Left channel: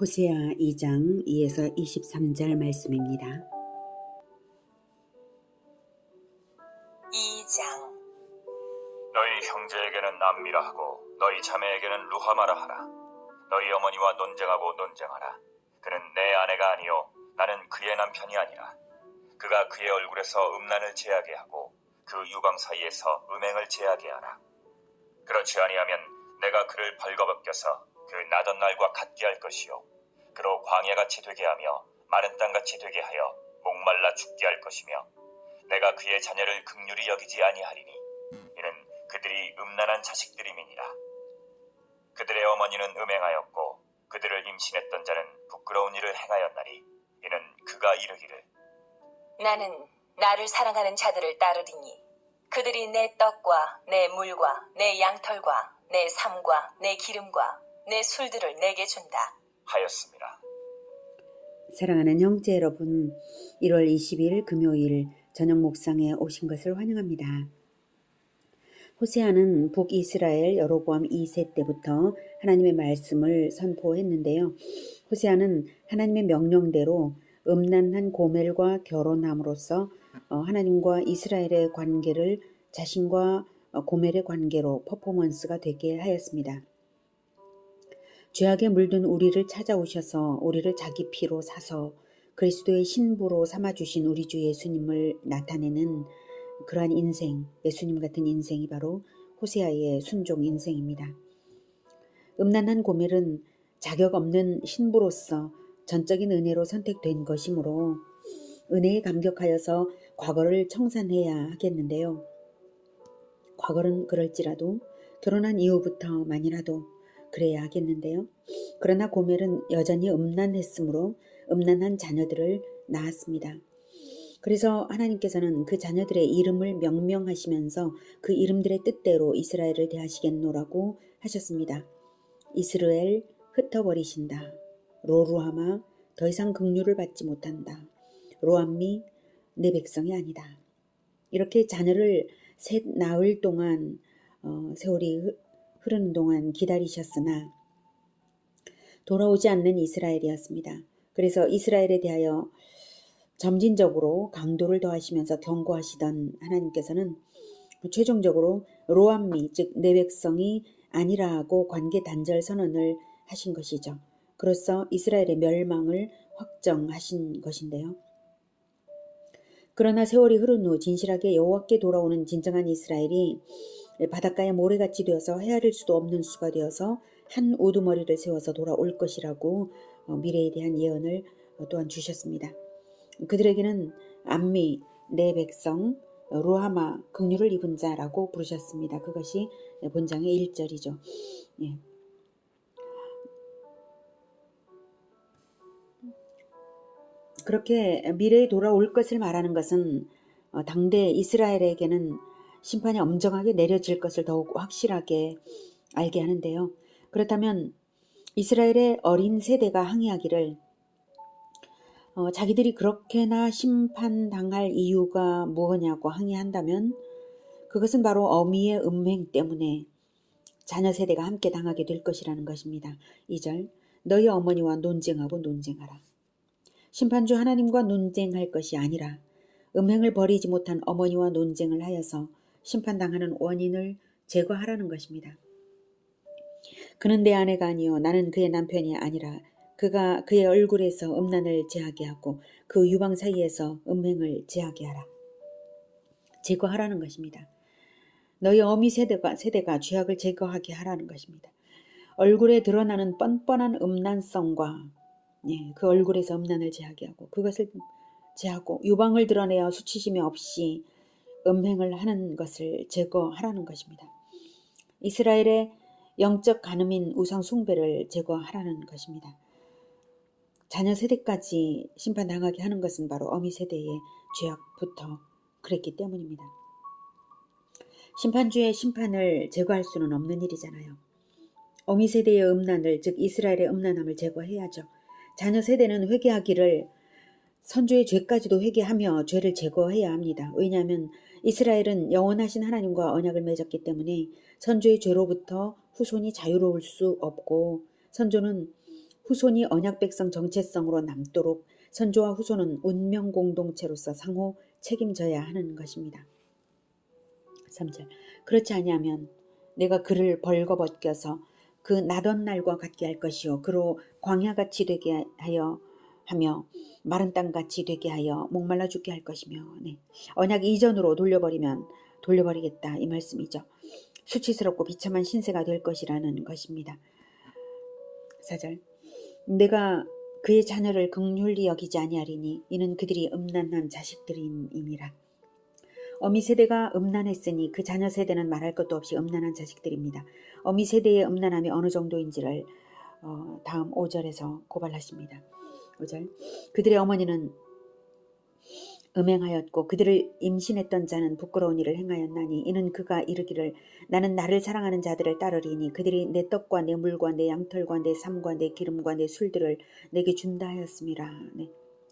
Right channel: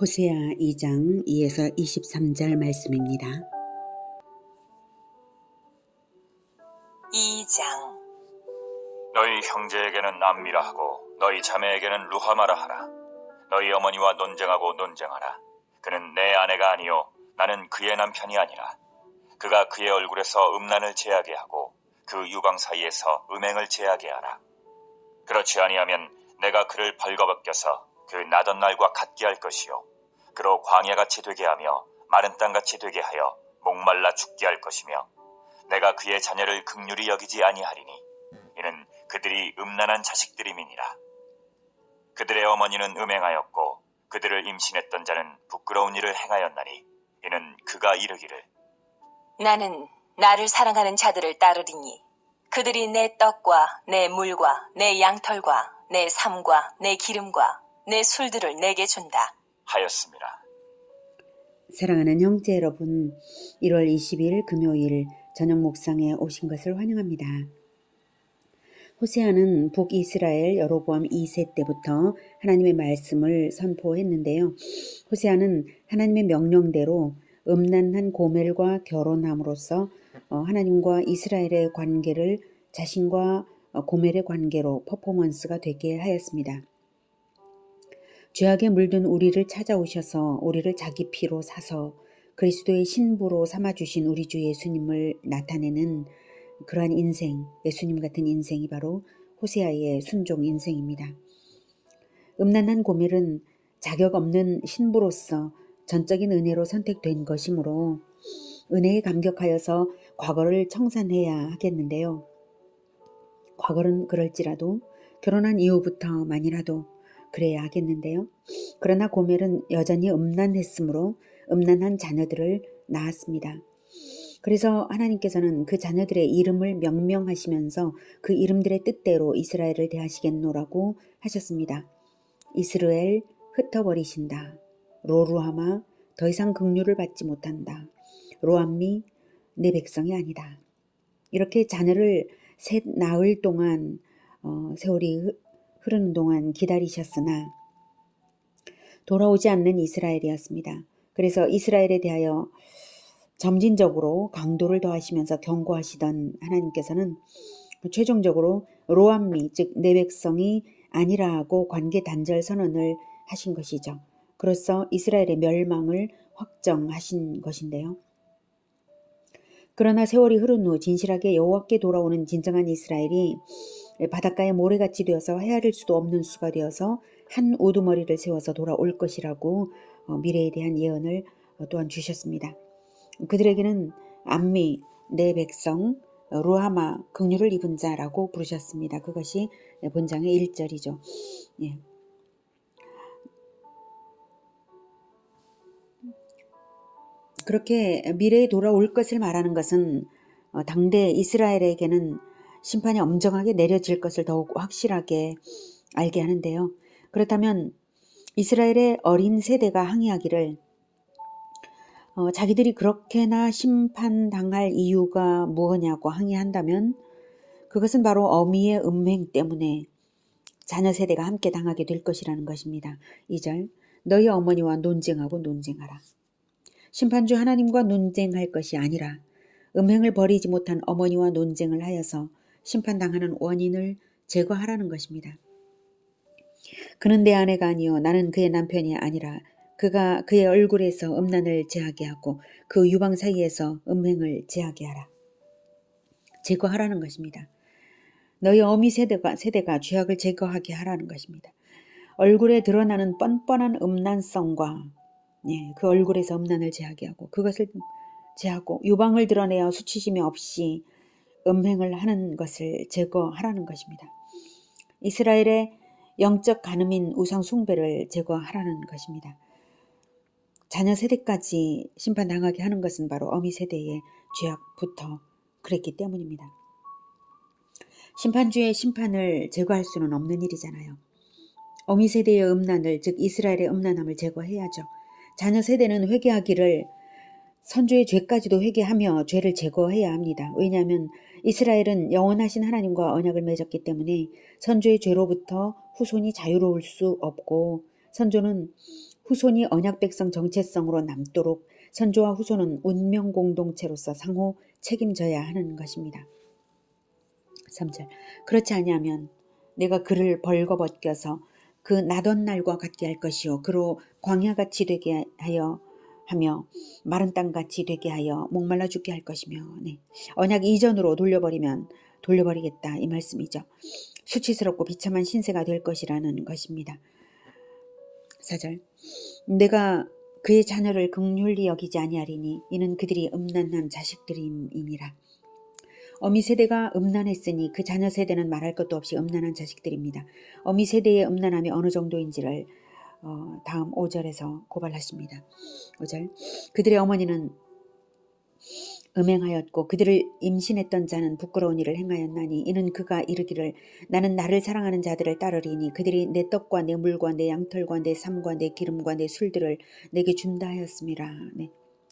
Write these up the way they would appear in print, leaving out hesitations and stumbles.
호세아 2장 2에서 23절 말씀입니다. 2장. 너희 형제에게는 암미라 하고 너희 자매에게는 루하마라 하라. 너희 어머니와 논쟁하고 논쟁하라. 그는 내 아내가 아니요 나는 그의 남편이 아니라. 그가 그의 얼굴에서 음란을 제하게 하고 그 유방 사이에서 음행을 제하게 하라. 그렇지 아니하면 내가 그를 벌거벗겨서 그 나던 날과 같게 할 것이요 그로 광야같이 되게 하며 마른 땅같이 되게 하여 목말라 죽게 할 것이며 내가 그의 자녀를 긍휼히 여기지 아니하리니 이는 그들이 음란한 자식들임이니라. 그들의 어머니는 음행하였고 그들을 임신했던 자는 부끄러운 일을 행하였나니 이는 그가 이르기를 나는 나를 사랑하는 자들을 따르리니 그들이 내 떡과 내 물과 내 양털과 내 삶과 내 기름과 내 술들을 내게 준다 하였습니다. 사랑하는 형제 여러분, 1월 20일 금요일 저녁 목상에 오신 것을 환영합니다. 호세아는 북이스라엘 여로보암 2세 때부터 하나님의 말씀을 선포했는데요. 호세아는 하나님의 명령대로 음란한 고멜과 결혼함으로써 하나님과 이스라엘의 관계를 자신과 고멜의 관계로 퍼포먼스가 되게 하였습니다. 죄악에 물든 우리를 찾아오셔서 우리를 자기 피로 사서 그리스도의 신부로 삼아주신 우리 주 예수님을 나타내는 그러한 인생, 예수님 같은 인생이 바로 호세아의 순종 인생입니다. 음란한 고멜은 자격 없는 신부로서 전적인 은혜로 선택된 것이므로 은혜에 감격하여서 과거를 청산해야 하겠는데요. 과거는 그럴지라도 결혼한 이후부터만이라도 그래야 하겠는데요. 그러나 고멜은 여전히 음란했으므로 음란한 자녀들을 낳았습니다. 그래서 하나님께서는 그 자녀들의 이름을 명명하시면서 그 이름들의 뜻대로 이스라엘을 대하시겠노라고 하셨습니다. 이스라엘 흩어버리신다. 로루하마 더 이상 긍휼을 받지 못한다. 로암미 내 백성이 아니다. 이렇게 자녀를 셋 낳을 동안 세월이 흐르는 동안 기다리셨으나 돌아오지 않는 이스라엘이었습니다. 그래서 이스라엘에 대하여 점진적으로 강도를 더하시면서 경고하시던 하나님께서는 최종적으로 로암미 즉 내 백성이 아니라고 관계 단절 선언을 하신 것이죠. 그로써 이스라엘의 멸망을 확정하신 것인데요. 그러나 세월이 흐른 후 진실하게 여호와께 돌아오는 진정한 이스라엘이 바닷가에 모래같이 되어서 헤아릴 수도 없는 수가 되어서 한 우두머리를 세워서 돌아올 것이라고 미래에 대한 예언을 또한 주셨습니다. 그들에게는 암미, 내 백성, 루하마, 긍휼을 입은 자라고 부르셨습니다. 그것이 본장의 1절이죠. 예. 그렇게 미래에 돌아올 것을 말하는 것은 당대 이스라엘에게는 심판이 엄정하게 내려질 것을 더욱 확실하게 알게 하는데요. 그렇다면 이스라엘의 어린 세대가 항의하기를 자기들이 그렇게나 심판당할 이유가 무엇냐고 항의한다면 그것은 바로 어미의 음행 때문에 자녀 세대가 함께 당하게 될 것이라는 것입니다. 2절 너희 어머니와 논쟁하고 논쟁하라. 심판주 하나님과 논쟁할 것이 아니라 음행을 버리지 못한 어머니와 논쟁을 하여서 심판당하는 원인을 제거하라는 것입니다. 그는 내 아내가 아니요 나는 그의 남편이 아니라 그가 그의 얼굴에서 음란을 제하게 하고 그 유방 사이에서 음행을 제하게 하라. 제거하라는 것입니다. 너희 어미 세대가 죄악을 제거하게 하라는 것입니다. 얼굴에 드러나는 뻔뻔한 음란성과 그 얼굴에서 음란을 제하게 하고 그것을 제하고 유방을 드러내어 수치심이 없이 음행을 하는 것을 제거하라는 것입니다. 이스라엘의 영적 간음인 우상 숭배를 제거하라는 것입니다. 자녀 세대까지 심판당하게 하는 것은 바로 어미 세대의 죄악부터 그랬기 때문입니다. 심판주의 심판을 제거할 수는 없는 일이잖아요. 어미 세대의 음란을 즉 이스라엘의 음란함을 제거해야죠. 자녀 세대는 회개하기를 선조의 죄까지도 회개하며 죄를 제거해야 합니다. 왜냐하면 이스라엘은 영원하신 하나님과 언약을 맺었기 때문에 선조의 죄로부터 후손이 자유로울 수 없고 선조는 후손이 언약 백성 정체성으로 남도록 선조와 후손은 운명 공동체로서 상호 책임져야 하는 것입니다. 3절. 그렇지 아니하면 내가 그를 벌거벗겨서 그 나던 날과 같게 할 것이요 그로 광야같이 되게 하며 마른 땅같이 되게 하여 목말라 죽게 할 것이며. 언약 이전으로 돌려버리겠다 이 말씀이죠. 수치스럽고 비참한 신세가 될 것이라는 것입니다. 4절. 내가 그의 자녀를 긍휼히 여기지 아니하리니 이는 그들이 음란한 자식들임이니라. 어미 세대가 음란했으니 그 자녀 세대는 말할 것도 없이 음란한 자식들입니다. 어미 세대의 음란함이 어느 정도인지를 다음 5절에서 고발하십니다. 5절. 그들의 어머니는 음행하였고 그들을 임신했던 자는 부끄러운 일을 행하였나니 이는 그가 이르기를 나는 나를 사랑하는 자들을 따르리니 그들이 내 떡과 내 물과 내 양털과 내 삶과 내 기름과 내 술들을 내게 준다 하였음이라.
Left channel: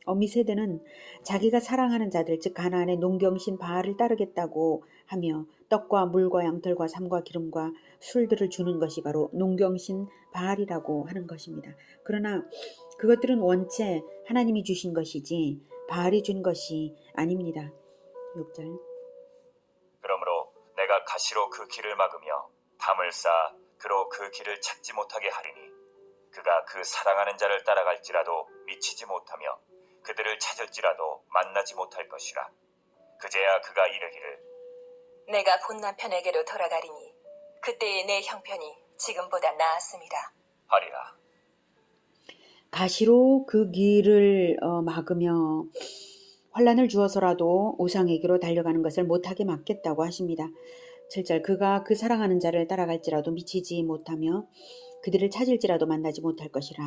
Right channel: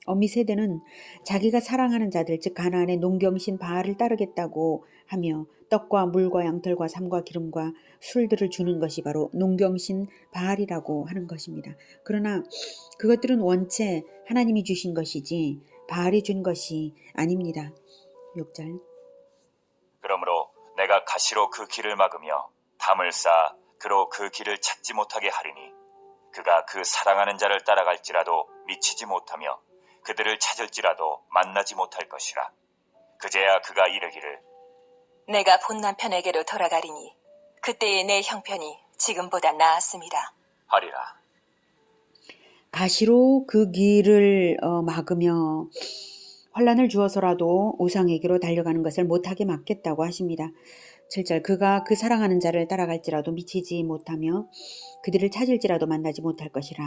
어미 세대는 자기가 사랑하는 자들 즉 가나안의 농경신 바알을 따르겠다고 하며 떡과 물과 양털과 삶과 기름과 술들을 주는 것이 바로 농경신 바알이라고 하는 것입니다. 그러나 그것들은 원체 하나님이 주신 것이지 바알이 준 것이 아닙니다. 6절. 그러므로 내가 가시로 그 길을 막으며 담을 쌓아 그로 그 길을 찾지 못하게 하리니 그가 그 사랑하는 자를 따라갈지라도 미치지 못하며 그들을 찾을지라도 만나지 못할 것이라. 그제야 그가 이르기를 내가 본 남편에게로 돌아가리니 그때의 내 형편이 지금보다 나았음이라 하리라. 가시로 그 길을 막으며 환란을 주어서라도 우상에게로 달려가는 것을 못하게 막겠다고 하십니다. 7절. 그가 그 사랑하는 자를 따라갈지라도 미치지 못하며 그들을 찾을지라도 만나지 못할 것이라.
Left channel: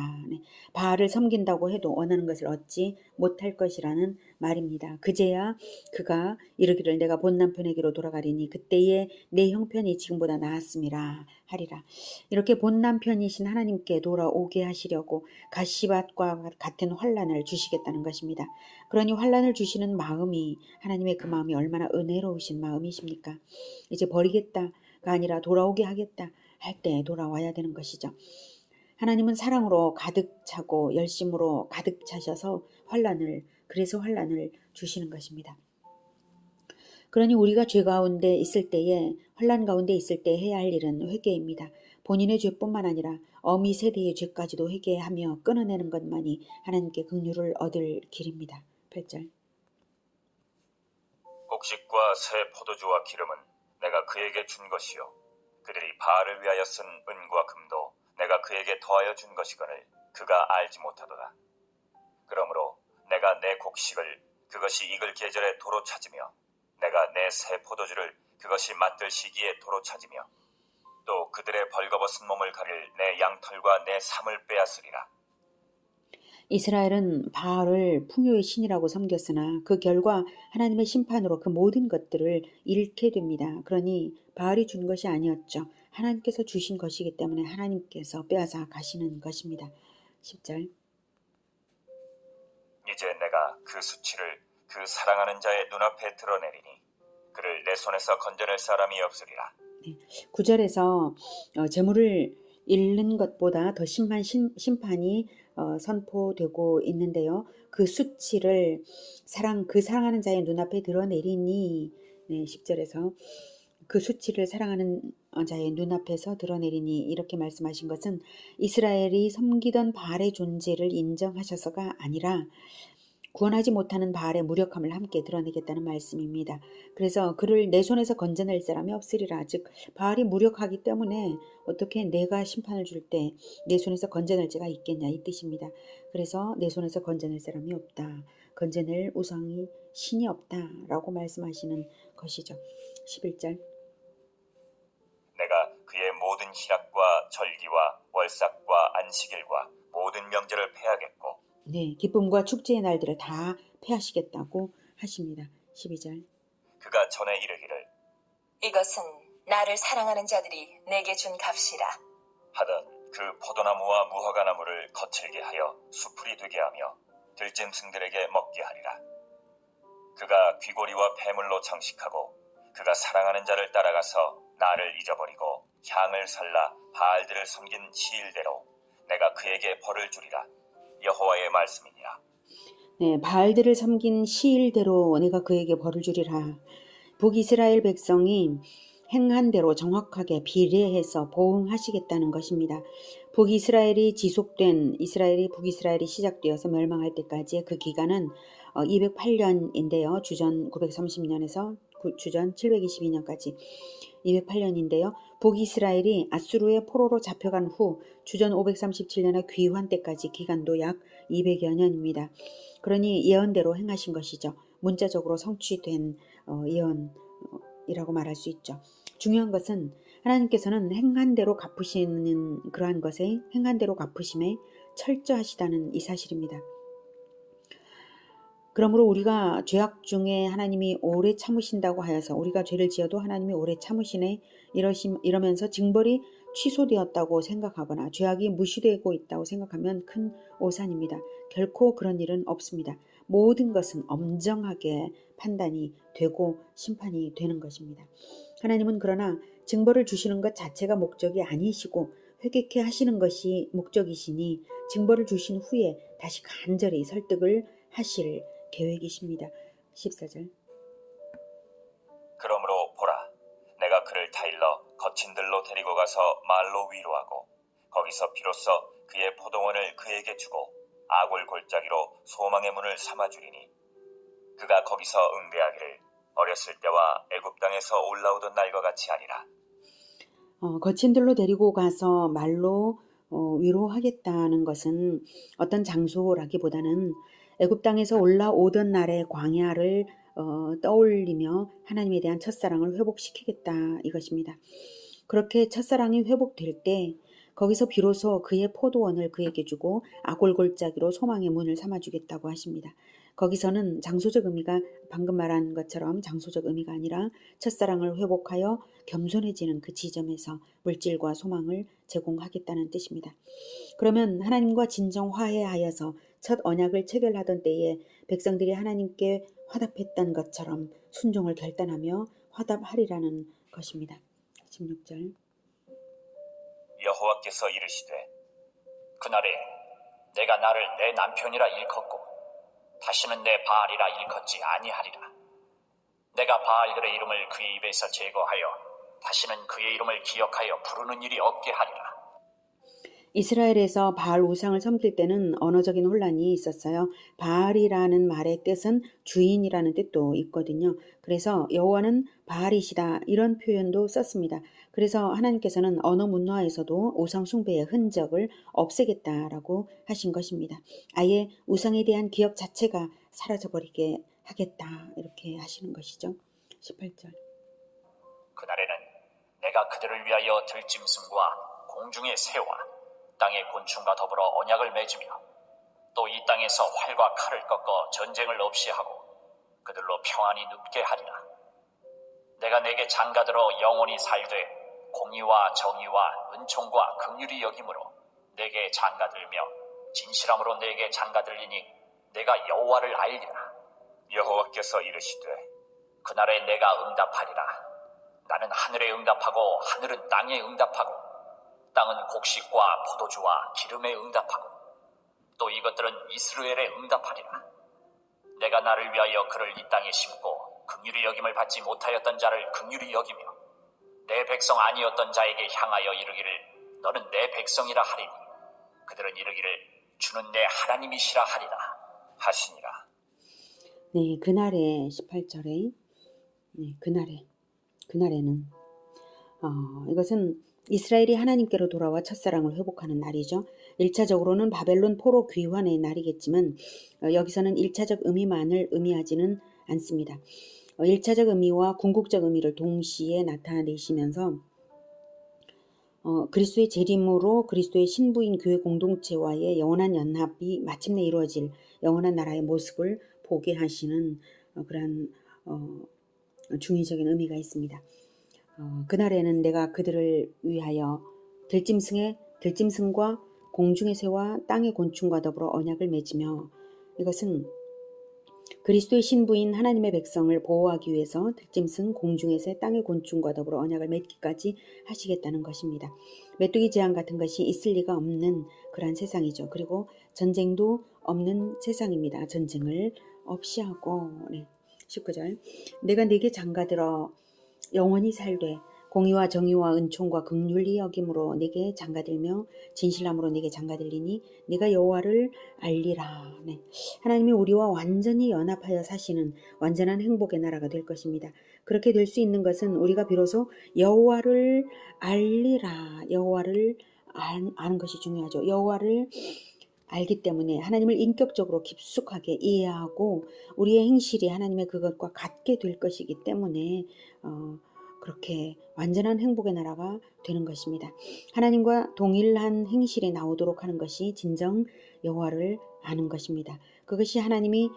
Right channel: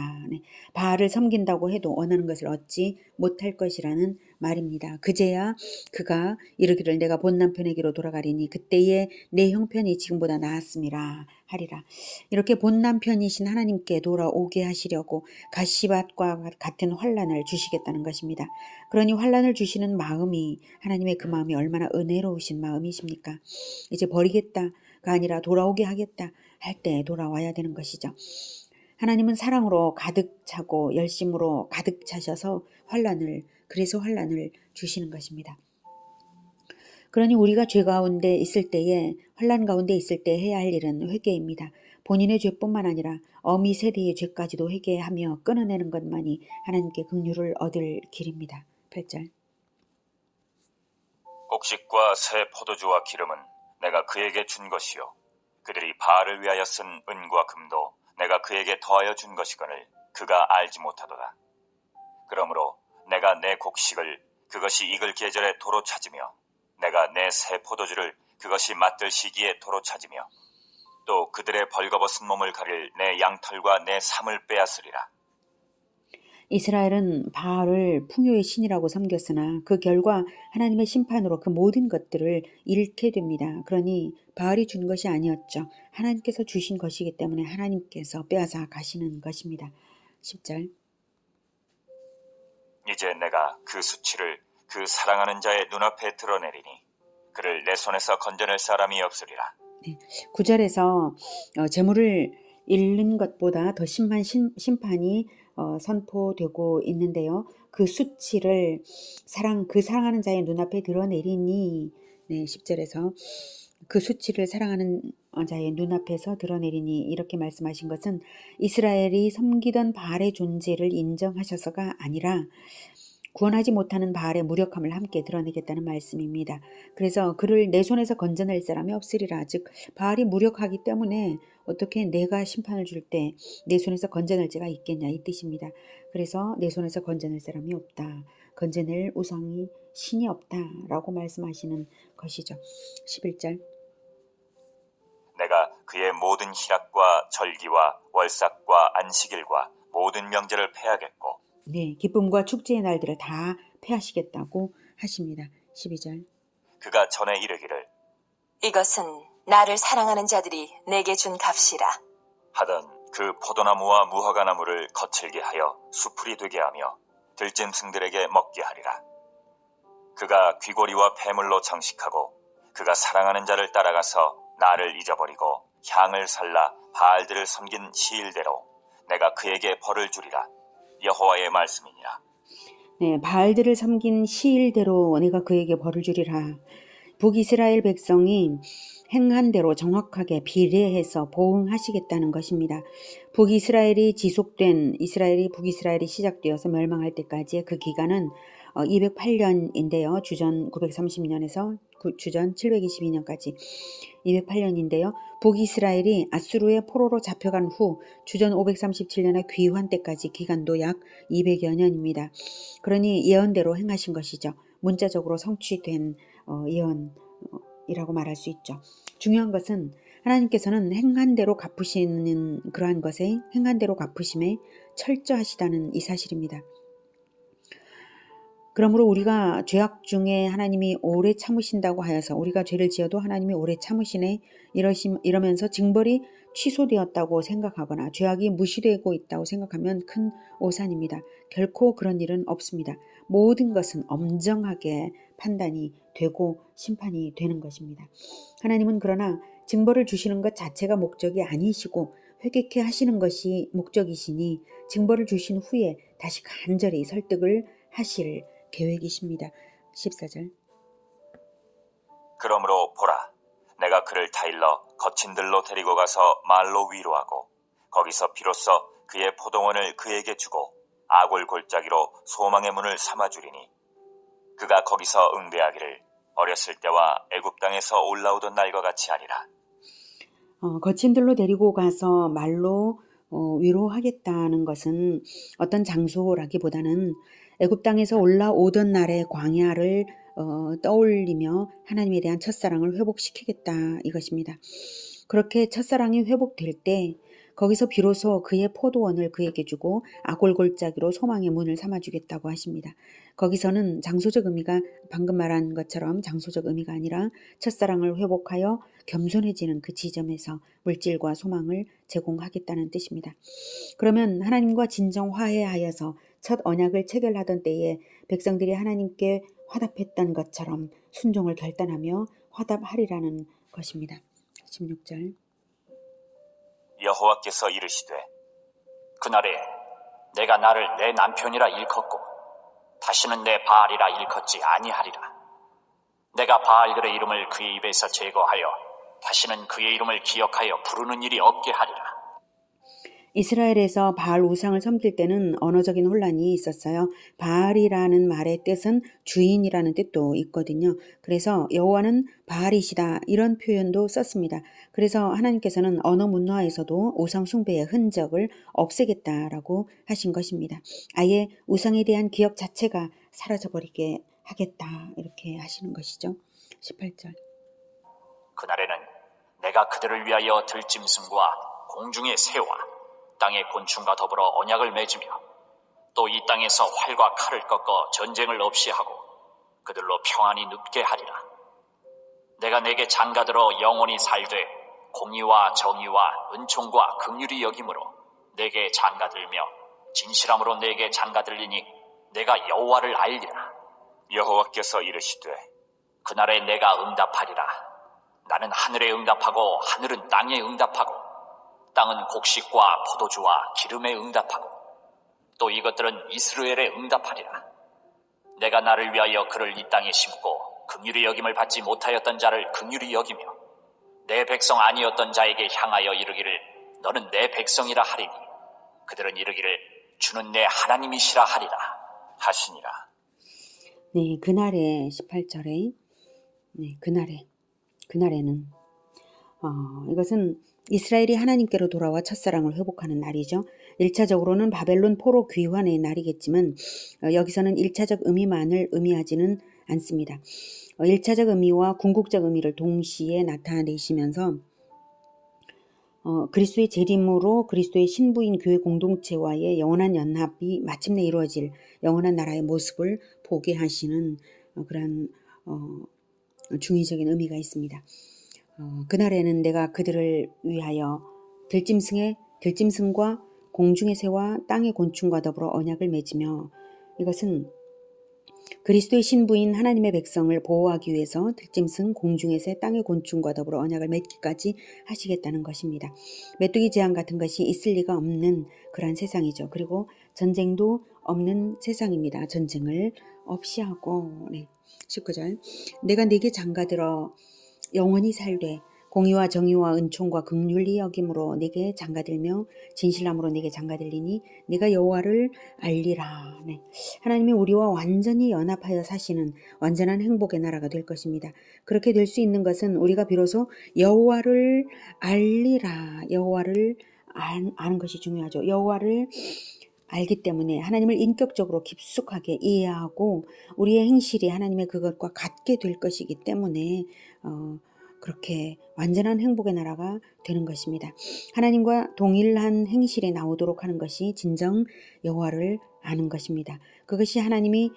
바알을 섬긴다고 해도 원하는 것을 얻지 못할 것이라는 말입니다. 그제야 그가 이르기를 내가 본 남편에게로 돌아가리니 그때의 내 형편이 지금보다 나았음이라 하리라. 이렇게 본 남편이신 하나님께 돌아오게 하시려고 가시밭과 같은 환란을 주시겠다는 것입니다. 그러니 환란을 주시는 마음이 하나님의 그 마음이 얼마나 은혜로우신 마음이십니까? 이제 버리겠다가 아니라 돌아오게 하겠다 할 때 돌아와야 되는 것이죠. 하나님은 사랑으로 가득 차고 열심으로 가득 차셔서 그래서 환란을 주시는 것입니다. 그러니 우리가 죄 가운데 있을 때에 환란 가운데 있을 때 해야 할 일은 회개입니다. 본인의 죄뿐만 아니라 어미 세대의 죄까지도 회개하며 끊어내는 것만이 하나님께 긍휼을 얻을 길입니다. 8절. 곡식과 새 포도주와 기름은 내가 그에게 준 것이요 그들이 바알을 위하여 쓴 은과 금도 내가 그에게 더하여 준 것이거늘 그가 알지 못하도다. 그러므로 내가 내 곡식을 그것이 익을 계절에 도로 찾으며 내가 내 새 포도주를 그것이 맛들 시기에 도로 찾으며 또 그들의 벌거벗은 몸을 가릴 내 양털과 내 삶을 빼앗으리라. 이스라엘은 바알을 풍요의 신이라고 섬겼으나 그 결과 하나님의 심판으로 그 모든 것들을 잃게 됩니다. 그러니 바알이 준 것이 아니었죠. 하나님께서 주신 것이기 때문에 하나님께서 빼앗아 가시는 것입니다. 10절. 이제 내가 그 수치를 그 사랑하는 자의 눈앞에 드러내리니 그를 내 손에서 건져낼 사람이 없으리라. 9절에서 재물을 잃는 것보다 더 심한 심판이 선포되고 있는데요. 그 수치를 그 사랑하는 자의 눈앞에 드러내리니 10절에서 그 수치를 사랑하는 자의 눈앞에서 드러내리니 이렇게 말씀하신 것은 이스라엘이 섬기던 바알의 존재를 인정하셔서가 아니라 구원하지 못하는 바알의 무력함을 함께 드러내겠다는 말씀입니다. 그래서 그를 내 손에서 건져낼 사람이 없으리라. 즉 바알이 무력하기 때문에 어떻게 내가 심판을 줄 때 내 손에서 건져낼 자가 있겠냐 이 뜻입니다. 그래서 내 손에서 건져낼 사람이 없다. 건져낼 우상이 신이 없다라고 말씀하시는 것이죠. 11절. 내가 그의 모든 희락과 절기와 월삭과 안식일과 모든 명제를 패하겠고 기쁨과 축제의 날들을 다 폐하시겠다고 하십니다. 12절. 그가 전에 이르기를 이것은 나를 사랑하는 자들이 내게 준 값이라 하던 그 포도나무와 무화과나무를 거칠게 하여 수풀이 되게 하며 들짐승들에게 먹게 하리라. 그가 귀고리와 폐물로 장식하고 그가 사랑하는 자를 따라가서 나를 잊어버리고 향을 살라 바알들을 섬긴 시일대로 내가 그에게 벌을 주리라. 여호와의 말씀이니라. 네, 바알들을 섬긴 시일대로 내가 그에게 벌을 주리라. 북이스라엘 백성이 행한 대로 정확하게 비례해서 보응하시겠다는 것입니다. 북이스라엘이 시작되어서 멸망할 때까지의 그 기간은 208년인데요. 주전 930년에서 주전 722년까지 208년인데요. 북이스라엘이 아수르의 포로로 잡혀간 후 주전 537년의 귀환 때까지 기간도 약 200여 년입니다. 그러니 예언대로 행하신 것이죠. 문자적으로 성취된 예언이라고 말할 수 있죠. 중요한 것은 하나님께서는 행한 대로 갚으시는 그러한 것에 행한 대로 갚으심에 철저하시다는 이 사실입니다. 그러므로 우리가 죄악 중에 하나님이 오래 참으신다고 하여서 우리가 죄를 지어도 하나님이 오래 참으시네 이러면서 징벌이 취소되었다고 생각하거나 죄악이 무시되고 있다고 생각하면 큰 오산입니다. 결코 그런 일은 없습니다. 모든 것은 엄정하게 판단이 되고 심판이 되는 것입니다. 하나님은 그러나 징벌을 주시는 것 자체가 목적이 아니시고 회개케 하시는 것이 목적이시니 징벌을 주신 후에 다시 간절히 설득을 하실 계획이십니다. 14절. 그러므로 보라, 내가 그를 타일러 거친 들로 데리고 가서 말로 위로하고 거기서 비로소 그의 포도원을 그에게 주고 아골 골짜기로 소망의 문을 삼아주리니 그가 거기서 응대하기를 어렸을 때와 애굽 땅에서 올라오던 날과 같이 하리라. 거친 들로 데리고 가서 말로 위로하겠다는 것은 어떤 장소라기보다는 애굽 땅에서 올라오던 날의 광야를 떠올리며 하나님에 대한 첫사랑을 회복시키겠다 이것입니다. 그렇게 첫사랑이 회복될 때 거기서 비로소 그의 포도원을 그에게 주고 아골 골짜기로 소망의 문을 삼아주겠다고 하십니다. 거기서는 장소적 의미가 방금 말한 것처럼 장소적 의미가 아니라 첫사랑을 회복하여 겸손해지는 그 지점에서 물질과 소망을 제공하겠다는 뜻입니다. 그러면 하나님과 진정 화해하여서 첫 언약을 체결하던 때에 백성들이 하나님께 화답했던 것처럼 순종을 결단하며 화답하리라는 것입니다. 16절. 여호와께서 이르시되 그날에 내가 나를 내 남편이라 일컫고 다시는 내 바알이라 일컫지 아니하리라. 내가 바알들의 이름을 그의 입에서 제거하여 다시는 그의 이름을 기억하여 부르는 일이 없게 하리라. 이스라엘에서 바알 우상을 섬길 때는 언어적인 혼란이 있었어요. 바알이라는 말의 뜻은 주인이라는 뜻도 있거든요. 그래서 여호와는 바알이시다 이런 표현도 썼습니다. 그래서 하나님께서는 언어 문화에서도 우상 숭배의 흔적을 없애겠다라고 하신 것입니다. 아예 우상에 대한 기억 자체가 사라져버리게 하겠다 이렇게 하시는 것이죠. 18절. 그날에는 내가 그들을 위하여 들짐승과 공중의 새와 땅의 곤충과 더불어 언약을 맺으며 또 이 땅에서 활과 칼을 꺾어 전쟁을 없이 하고 그들로 평안히 눕게 하리라. 내가 내게 장가들어 영원히 살되 공의와 정의와 은총과 긍휼이 여김으로 내게 장가들며 진실함으로 내게 장가들리니 내가 여호와를 알리라. 여호와께서 이르시되 그날에 내가 응답하리라. 나는 하늘에 응답하고 하늘은 땅에 응답하고 땅은 곡식과 포도주와 기름에 응답하고 또 이것들은 이스라엘에 응답하리라. 내가 나를 위하여 그를 이 땅에 심고 긍휼히 여김을 받지 못하였던 자를 긍휼히 여기며 내 백성 아니었던 자에게 향하여 이르기를 너는 내 백성이라 하리니 그들은 이르기를 주는 내 하나님이시라 하리라 하시니라. 네, 그날에 18절에 그날에는 이것은 이스라엘이 하나님께로 돌아와 첫사랑을 회복하는 날이죠. 1차적으로는 바벨론 포로 귀환의 날이겠지만 여기서는 1차적 의미만을 의미하지는 않습니다. 1차적 의미와 궁극적 의미를 동시에 나타내시면서 그리스도의 재림으로 그리스도의 신부인 교회 공동체와의 영원한 연합이 마침내 이루어질 영원한 나라의 모습을 보게 하시는 그런 중의적인 의미가 있습니다. 그날에는 내가 그들을 위하여 들짐승과 공중의 새와 땅의 곤충과 더불어 언약을 맺으며 이것은 그리스도의 신부인 하나님의 백성을 보호하기 위해서 들짐승, 공중에서의 땅의 곤충과 더불어 언약을 맺기까지 하시겠다는 것입니다. 메뚜기 재앙 같은 것이 있을 리가 없는 그러한 세상이죠. 그리고 전쟁도 없는 세상입니다. 전쟁을 없이 하고 19절 내가 네게 장가들어 영원히 살되 공의와 정의와 은총과 긍휼히 여김으로 네게 장가들며 진실함으로 네게 장가들리니 네가 여호와를 알리라. 하나님이 우리와 완전히 연합하여 사시는 완전한 행복의 나라가 될 것입니다. 그렇게 될 수 있는 것은 우리가 비로소 여호와를 알리라. 여호와를 아는 것이 중요하죠. 여호와를 알기 때문에 하나님을 인격적으로 깊숙하게 이해하고 우리의 행실이 하나님의 그것과 같게 될 것이기 때문에 그렇게 완전한 행복의 나라가 되는 것입니다. 하나님과 동일한 행실이 나오도록 하는 것이 진정 여호와를 아는 것입니다. 그것이 하나님이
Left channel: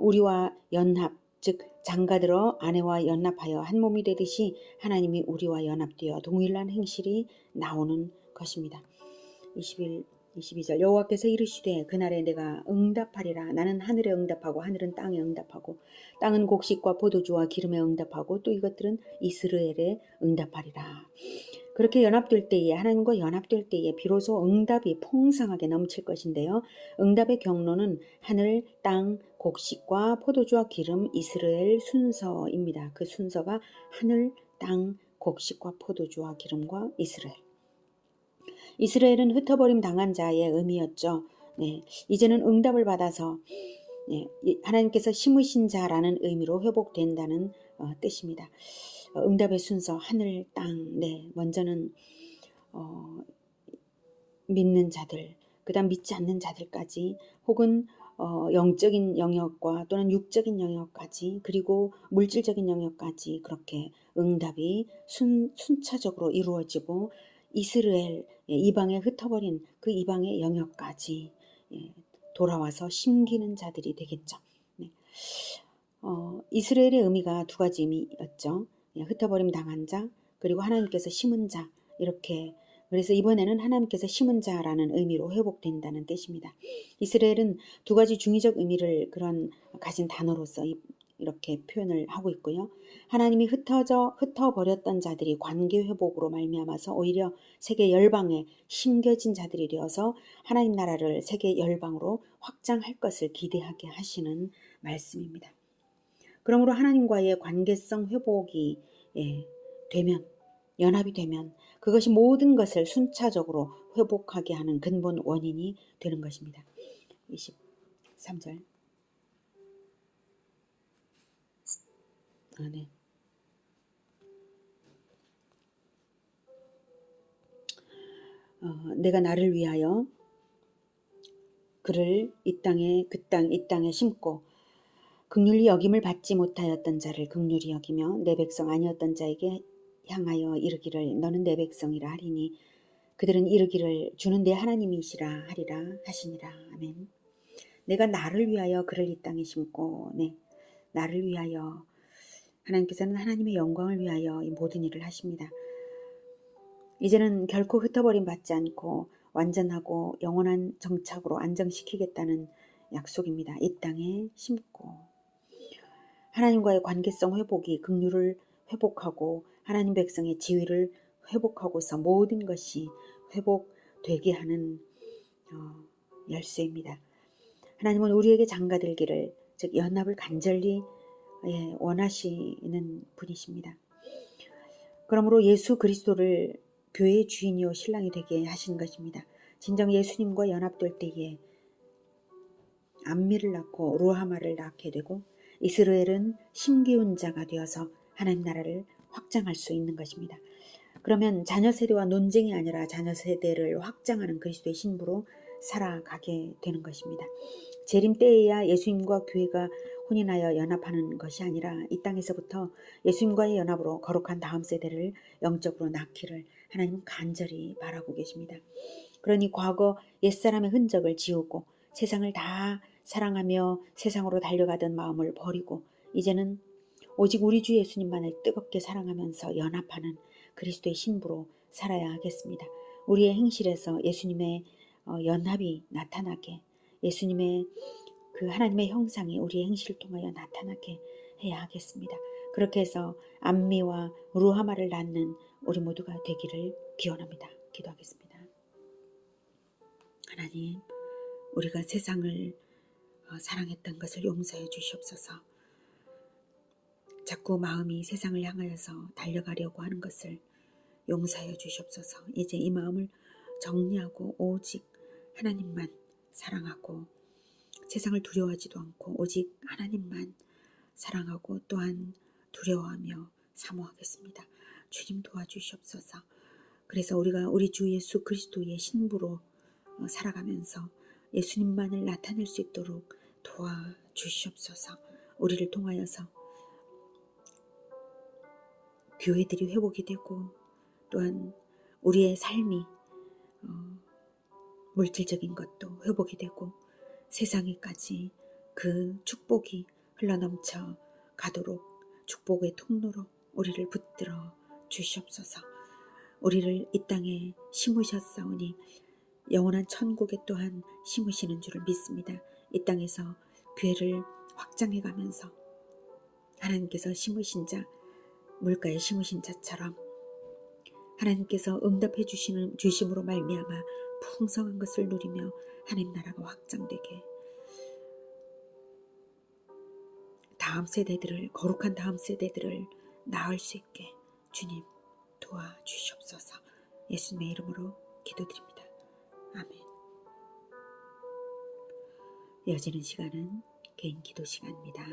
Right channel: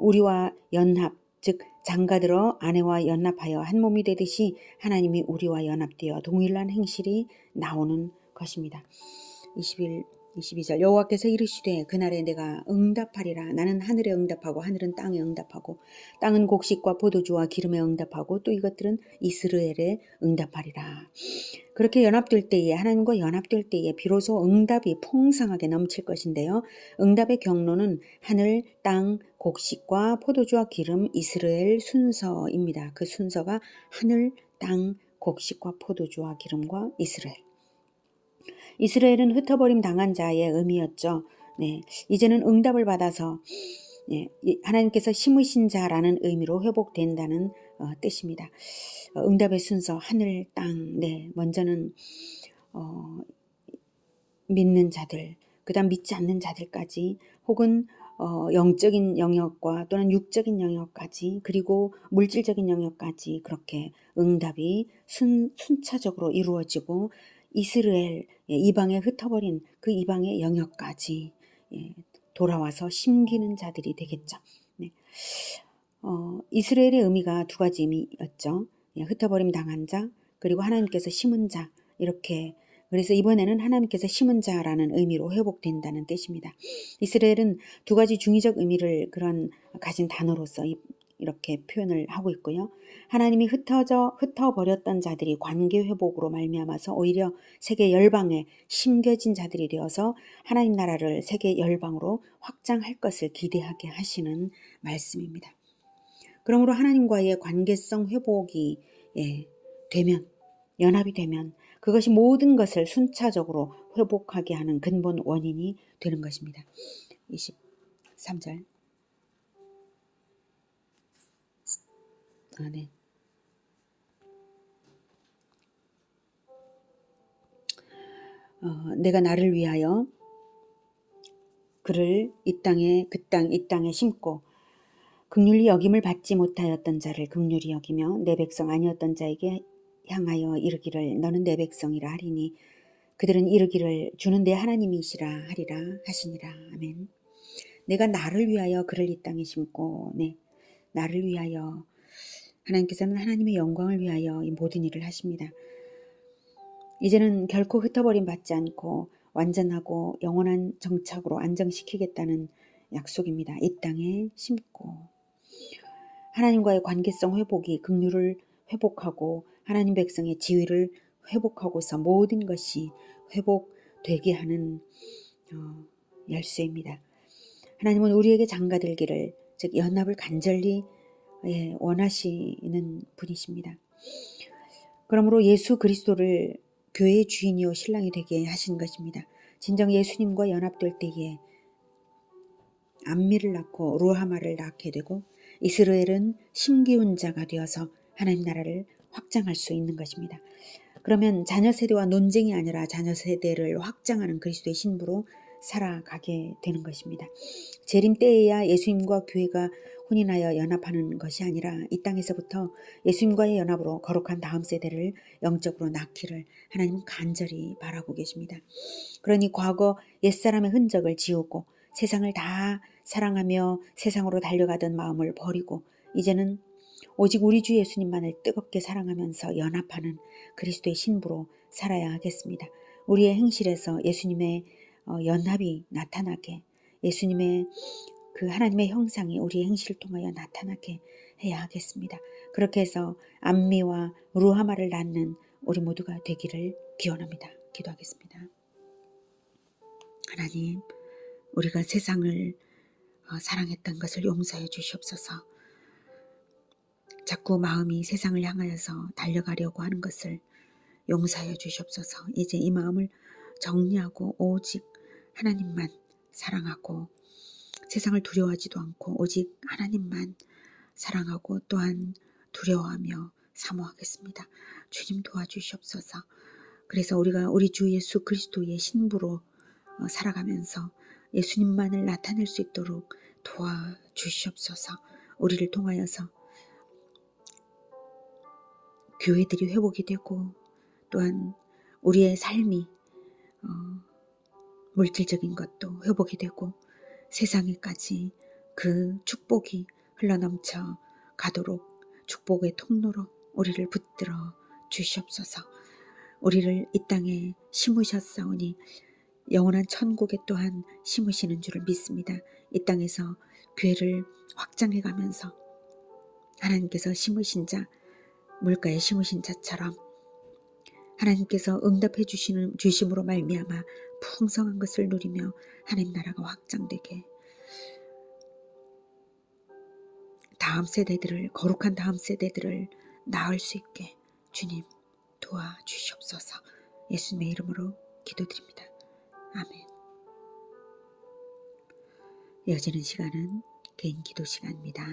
우리와 연합, 즉 장가들어 아내와 연합하여 한 몸이 되듯이 하나님이 우리와 연합되어 동일한 행실이 나오는 것입니다. 22절 여호와께서 이르시되 그날에 내가 응답하리라. 나는 하늘에 응답하고 하늘은 땅에 응답하고 땅은 곡식과 포도주와 기름에 응답하고 또 이것들은 이스라엘에 응답하리라. 그렇게 연합될 때에 하나님과 연합될 때에 비로소 응답이 풍성하게 넘칠 것인데요. 응답의 경로는 하늘, 땅, 곡식과 포도주와 기름, 이스라엘 순서입니다. 그 순서가 하늘, 땅, 곡식과 포도주와 기름과 이스라엘. 이스라엘은 흩어버림 당한 자의 의미였죠. 이제는 응답을 받아서 하나님께서 심으신 자라는 의미로 회복된다는 뜻입니다. 응답의 순서 하늘, 땅. 먼저는 믿는 자들, 그다음 믿지 않는 자들까지 혹은 영적인 영역과 또는 육적인 영역까지 그리고 물질적인 영역까지 그렇게 응답이 순차적으로 이루어지고 이스라엘 이방에 흩어버린 그 이방의 영역까지 돌아와서 심기는 자들이 되겠죠. 이스라엘의 의미가 두 가지 의미였죠. 흩어버림 당한 자 그리고 하나님께서 심은 자 이렇게 그래서 이번에는 하나님께서 심은 자라는 의미로 회복된다는 뜻입니다. 이스라엘은 두 가지 중의적 의미를 가진 단어로서 이렇게 표현을 하고 있고요. 하나님이 흩어버렸던 자들이 관계 회복으로 말미암아서 오히려 세계 열방에 심겨진 자들이 되어서 하나님 나라를 세계 열방으로 확장할 것을 기대하게 하시는 말씀입니다. 그러므로 하나님과의 관계성 회복이 되면 연합이 되면 그것이 모든 것을 순차적으로 회복하게 하는 근본 원인이 되는 것입니다. 23절 내가 나를 위하여 그를 이 땅에 심고 긍휼히 여김을 받지 못하였던 자를 긍휼히 여기며 내 백성 아니었던 자에게 향하여 이르기를 너는 내 백성이라 하리니 그들은 이르기를 주는 내 하나님이시라 하리라 하시니라. 아멘. 내가 나를 위하여 그를 이 땅에 심고 나를 위하여 하나님께서는 하나님의 영광을 위하여 이 모든 일을 하십니다. 이제는 결코 흩어버림 받지 않고 완전하고 영원한 정착으로 안정시키겠다는 약속입니다. 이 땅에 심고 하나님과의 관계성 회복이 긍휼을 회복하고 하나님 백성의 지위를 회복하고서 모든 것이 회복되게 하는 열쇠입니다. 하나님은 우리에게 장가들기를 즉 연합을 간절히 원하시는 분이십니다. 그러므로 예수 그리스도를 교회의 주인이요 신랑이 되게 하신 것입니다. 진정 예수님과 연합될 때에 암미를 낳고 루하마를 낳게 되고 이스라엘은 심기운 자가 되어서 하나님 나라를 확장할 수 있는 것입니다. 그러면 자녀 세대와 논쟁이 아니라 자녀 세대를 확장하는 그리스도의 신부로 살아가게 되는 것입니다. 재림 때에야 예수님과 교회가 혼인하여 연합하는 것이 아니라 이 땅에서부터 예수님과의 연합으로 거룩한 다음 세대를 영적으로 낳기를 하나님은 간절히 바라고 계십니다. 그러니 과거 옛사람의 흔적을 지우고 세상을 다 사랑하며 세상으로 달려가던 마음을 버리고 이제는 오직 우리 주 예수님만을 뜨겁게 사랑하면서 연합하는 그리스도의 신부로 살아야 하겠습니다. 우리의 행실에서 예수님의 연합이 나타나게 예수님의 그 하나님의 형상이 우리의 행실을 통하여 나타나게 해야 하겠습니다. 그렇게 해서 암미와 루하마를 낳는 우리 모두가 되기를 기원합니다. 기도하겠습니다. 하나님, 우리가 세상을 사랑했던 것을 용서해 주시옵소서. 자꾸 마음이 세상을 향하여서 달려가려고 하는 것을 용서해 주시옵소서. 이제 이 마음을 정리하고 오직 하나님만 사랑하고 세상을 두려워하지도 않고 오직 하나님만 사랑하고 또한 두려워하며 사모하겠습니다. 주님 도와주시옵소서. 그래서 우리가 우리 주 예수 그리스도의 신부로 살아가면서 예수님만을 나타낼 수 있도록 도와주시옵소서. 우리를 통하여서 교회들이 회복이 되고 또한 우리의 삶이 물질적인 것도 회복이 되고 세상에까지 그 축복이 흘러넘쳐 가도록 축복의 통로로 우리를 붙들어 주시옵소서. 우리를 이 땅에 심으셨사오니 영원한 천국에 또한 심으시는 줄을 믿습니다. 이 땅에서 교회를 확장해 가면서 하나님께서 심으신 자, 물가에 심으신 자처럼 하나님께서 응답해 주심으로 말미암아 풍성한 것을 누리며 하나님 나라가 확장되게, 다음 세대들을, 거룩한 다음 세대들을 낳을 수 있게 주님 도와주시옵소서. 예수님의 이름으로 기도드립니다. 아멘. 이어지는 시간은 개인 기도 시간입니다.